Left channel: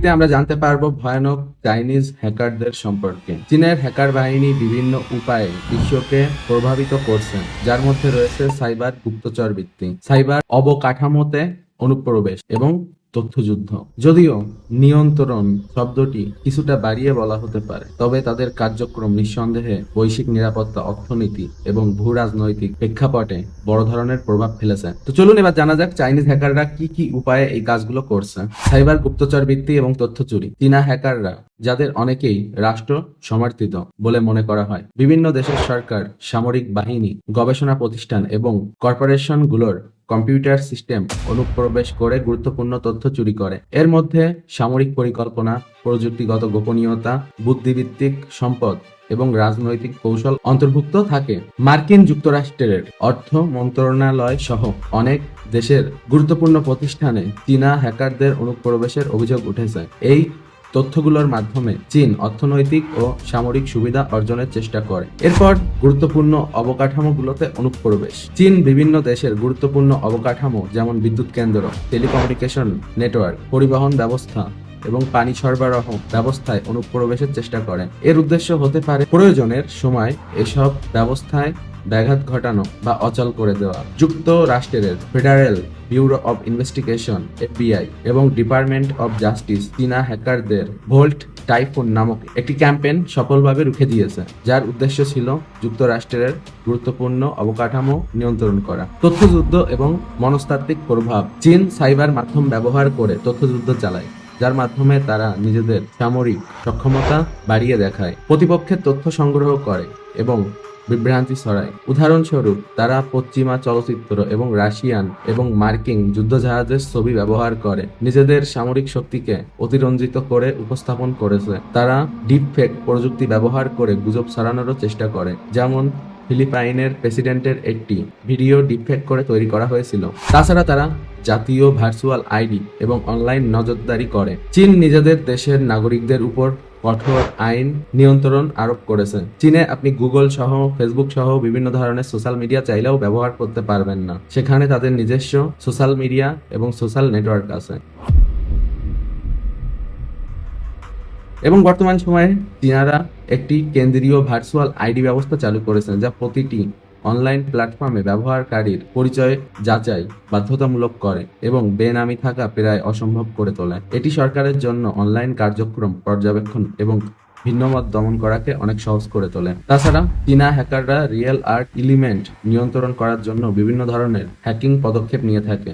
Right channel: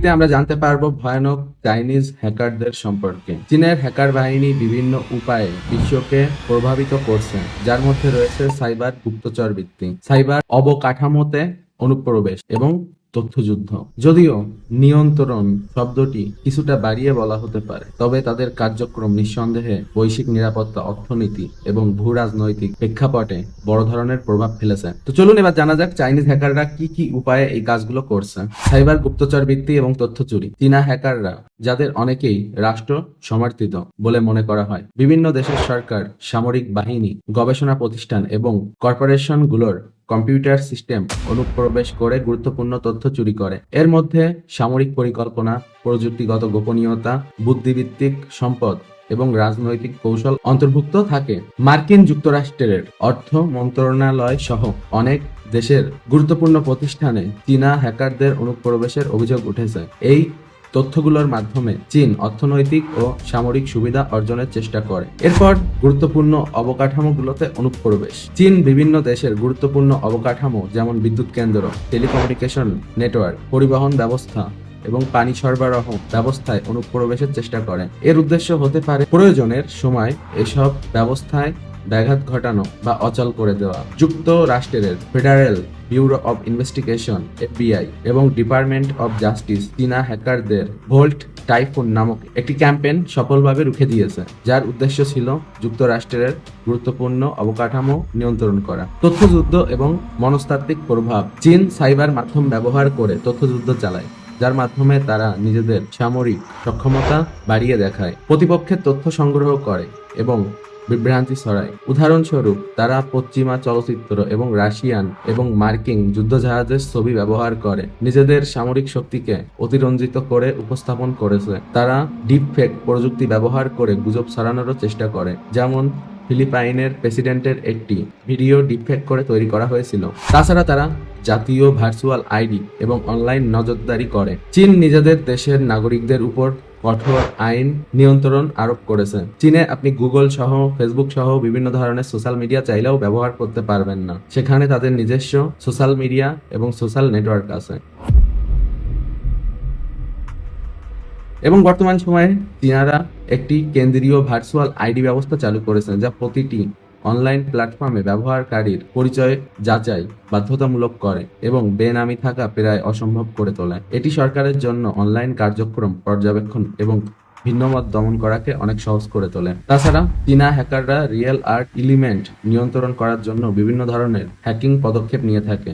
ভিত্তিতে আমরা জানতে পারবো ভয়ানক চাইনিজ হ্যাকারদের সম্পর্কে। চীনের হ্যাকার বাহিনী বিভিন্ন উপায়ে বিশ্বকে প্রভাবিত করছে, যার মধ্যে রয়েছে সাইবার গুপ্তচর বৃত্তি, সাইবার অবকাঠামোতে অনুপ্রবেশ এবং তথ্যযুদ্ধ। যদিও নিয়ন্ত্রণ শব্দটি কিছুটা বাড়িয়ে বলা হতে পারে, তবে তাদের কার্যক্রম নিঃসন্দেহে বৈশ্বিক নিরাপত্তা, অর্থনীতি এবং ভূ রাজনৈতিক প্রেক্ষাপটে বড় ধরনের প্রভাব ফেলেছে। তো চলুন এবার জানা যাক চাইনিজ হ্যাকাররা কি কি উপায়ে এই কাজগুলো করছে। সাইবার গুপ্তচর বৃত্তি এবং তথ্য চুরি। চীনা হ্যাকাররা, যাদের অনেকেই রাষ্ট্র সমর্থিত বলে মনে করা হয়, বিভিন্ন দেশের সরকার, সামরিক বাহিনী, গবেষণা প্রতিষ্ঠান এবং কর্পোরেশনগুলোর কম্পিউটার সিস্টেম অনুপ্রবেশ করে গুরুত্বপূর্ণ তথ্য চুরি করে। এর মধ্যে সামরিক পরিকল্পনা, প্রযুক্তিগত গোপনীয়তা, বুদ্ধিভিত্তিক সম্পদ এবং রাজনৈতিক কৌশল অন্তর্ভুক্ত থাকে। মার্কিন যুক্তরাষ্ট্রের অর্থ মন্ত্রণালয় সহ অনেক দেশের গুরুত্বপূর্ণ প্রতিষ্ঠানে চীনা হ্যাকারদের অনুপ্রবেশের অভিযোগ উঠেছে। এই তথ্যগুলোর মাধ্যমে চীন অর্থনৈতিক ও সামরিক সুবিধা অর্জনের চেষ্টা করে। এরপর গুরুত্বপূর্ণ অবকাঠামোগুলোতে অনুপ্রবেশ। চীন বিভিন্ন দেশের গুরুত্বপূর্ণ অবকাঠামো যেমন বিদ্যুৎ কেন্দ্র, টেলিকমিউনিকেশন নেটওয়ার্ক, পরিবহন ব্যবস্থা এবং পানি সরবরাহ ব্যবস্থায় অনুপ্রবেশের চেষ্টা করে। এর উদ্দেশ্য হতে পারে প্রয়োজনের সময় এসব ব্যবস্থায় ব্যাঘাত ঘটানো বা অচল করে দেওয়া। যুক্তরাষ্ট্রের federal bureau of investigation (FBI) এবং ডিপার্টমেন্ট অব জাস্টিস চীনা হ্যাকারদের ভোল্ট টাইফুন নামক একটি ক্যাম্পেইন সফলভাবে রুখে দিয়েছে, যার উদ্দেশ্য ছিল যুক্তরাষ্ট্রের গুরুত্বপূর্ণ অবকাঠামো নিয়ন্ত্রণ করা। তথ্যযুদ্ধ এবং মনস্তাত্ত্বিক প্রভাব। চীন সাইবার মাধ্যম ব্যবহার করে তথ্যযুদ্ধ চালায়, যার মাধ্যমে তারা নিজেদের সামরিক সক্ষমতা বাড়িয়ে দেখায়, প্রতিপক্ষের তথ্য সংগ্রহ করে এবং বিভ্রান্তি ছড়ায়। উদাহরণস্বরূপ, তারা পশ্চিমা চলচ্চিত্র এবং রাশিয়ান এবং মার্কিন যুদ্ধজাহাজের ছবি ব্যবহার করে নিজেদের সামরিক শক্তিকে অতিরঞ্জিত করে উপস্থাপন করেছে। তারা ডিপফেক প্রযুক্তি ব্যবহার করে গুজব ছড়ানোরও চেষ্টা করে, যেমন ফিলিপাইনের প্রেসিডেন্টের একটি ভিডিও ডিপফেক করে তৈরি করা হয়েছিল। তাছাড়া তারা জাতীয় ভার্চুয়াল আইডি এবং অনলাইন নজরদারি করে। চীন নিজেদের দেশের নাগরিকদের উপর কঠোর আইন নিয়ন্ত্রণ আরোপ করেছে। চীনে আপনি গুগল সহ, ফেসবুক সহ বিভিন্ন ধরনের সোশ্যাল মিডিয়া চাইলেও ব্যবহার করতে পারবেন না। সেখানে তাদের নিজস্ব সোশ্যাল মিডিয়া এবং সোশ্যাল নেটওয়ার্ক আছে। এবং বর্তমান সময়ে চীনারা একটি কেন্দ্রীয় ভার্চুয়াল আইডি ব্যবস্থা চালু করেছে, যা প্রতিটি অনলাইন প্ল্যাটফর্মে ব্যবহারকারীর পরিচয় যাচাই বাধ্যতামূলক করে এবং বেনামি থাকা প্রায় অসম্ভব করে তোলে। এটি সরকারের জন্য অনলাইন কার্যক্রম পর্যবেক্ষণ এবং ভিন্নমত দমন করাকে অনেক সহজ করে তোলে। তাছাড়া চীনা হ্যাকাররা রিয়েল আর্ট এলিমেন্ট নিয়ন্ত্রণ করার জন্য বিভিন্ন ধরনের হ্যাকিং পদক্ষেপ নিয়ে থাকে।